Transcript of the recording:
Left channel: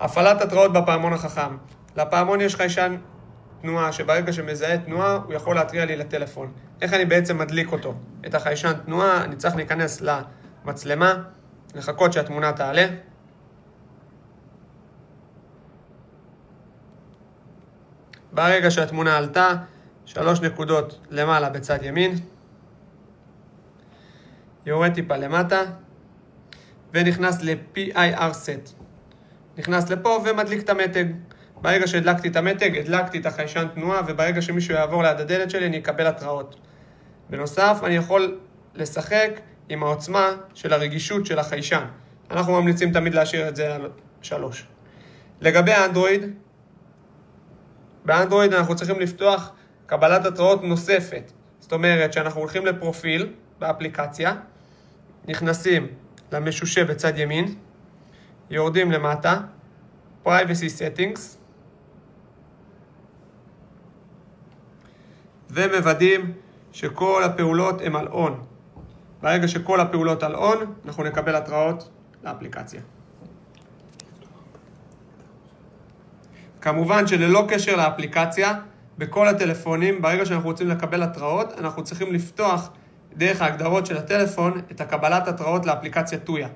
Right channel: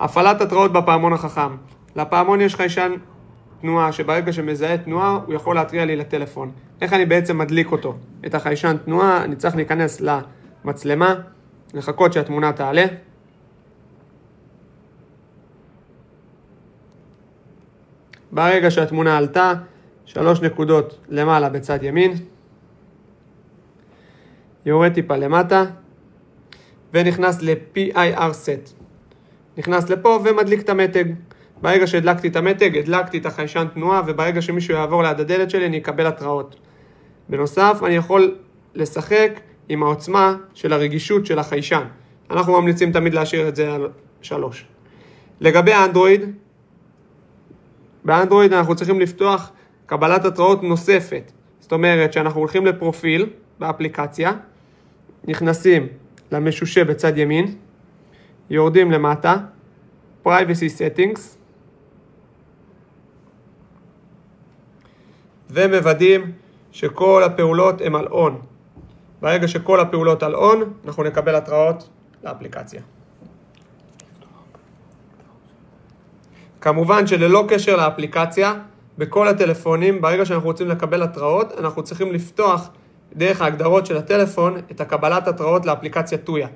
הפעלת התראות בפעמון החכם. לפעמון יש חיישן תנועה שברגע שמזהה תנועה הוא יכול להתריע לי לטלפון. איך אני בעצם מדליק אותו? את החיישן תנועה אני צריך להיכנס למצלמה, לחכות שהתמונה תעלה. ברגע שהתמונה עלתה, 3 נקודות למעלה בצד ימין, יורד טיפה למטה ונכנס ל-PIR set. נכנס לפה ומדליק את המתג. ברגע שהדלקתי את המתג, הדלקתי את החיישן תנועה, וברגע שמישהו יעבור ליד הדלת שלי אני אקבל התראות. בנוסף, אני יכול לשחק עם העוצמה של הרגישות של החיישן. אנחנו ממליצים תמיד להשאיר את זה על 3. לגבי האנדרואיד, באנדרואיד אנחנו צריכים לפתוח קבלת התראות נוספת. זאת אומרת שאנחנו הולכים לפרופיל באפליקציה, נכנסים למשושה בצד ימין, יורדים למטה, Privacy Settings, ומוודאים שכל הפעולות הן על on. ברגע שכל הפעולות על on, אנחנו נקבל התראות לאפליקציה. כמובן שללא קשר לאפליקציה, בכל הטלפונים, ברגע שאנחנו רוצים לקבל התראות, אנחנו צריכים לפתוח דרך ההגדרות של הטלפון את הקבלת התראות לאפליקציה טויה.